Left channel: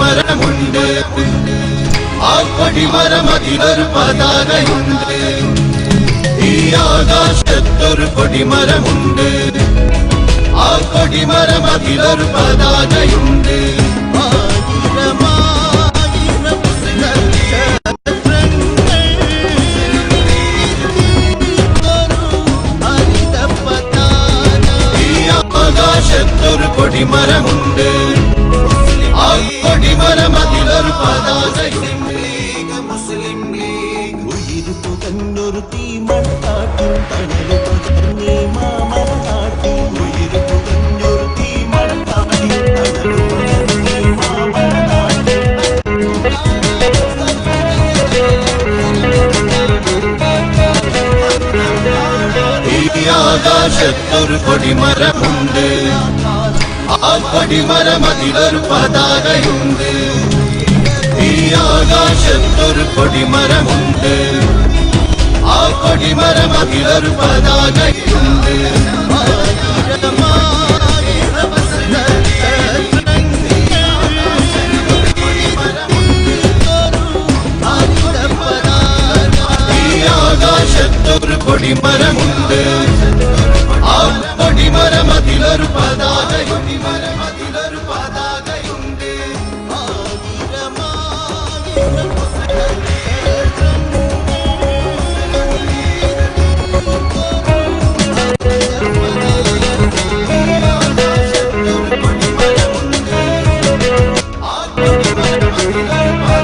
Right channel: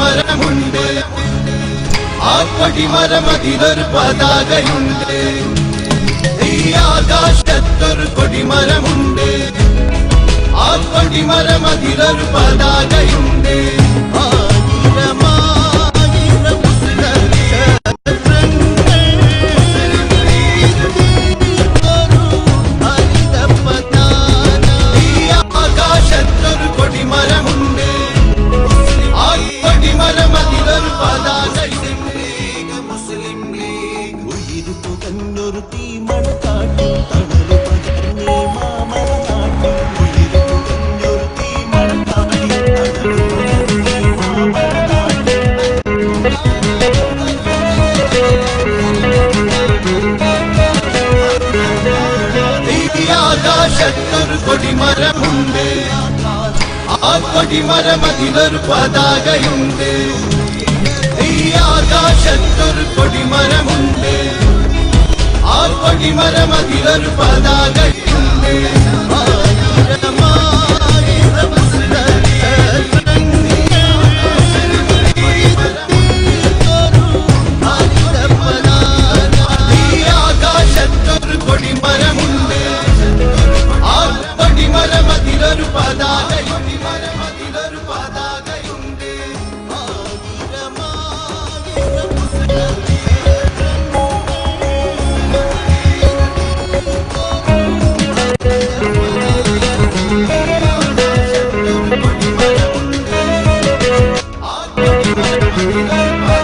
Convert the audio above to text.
കൊടിമരമുണ്ട് ആ കൊടിമരം അതിലൊരു പതാകയുണ്ട് ഈ ആകാശത്തൊരു കൊടിമരമുണ്ട് ആ കൊടിമരം അതിലൊരു പതാകയുണ്ട് കൊടിമരമുണ്ട് ഉയിരു പുകഞ്ഞൊരു തീമണ കാട്ടിൽ തണലു പകർന്നേ മാമല നാട്ടിൽ ഉയിരു പുകഞ്ഞൊരു തീമണ കാട്ടിൽ തണലു പകർന്നേ മാമല നാട്ടിൽ ഈ ആകാശത്തൊരു കൊടിമരമുണ്ട് ആ കൊടിമരം അതിലൊരു പതാകയുണ്ട്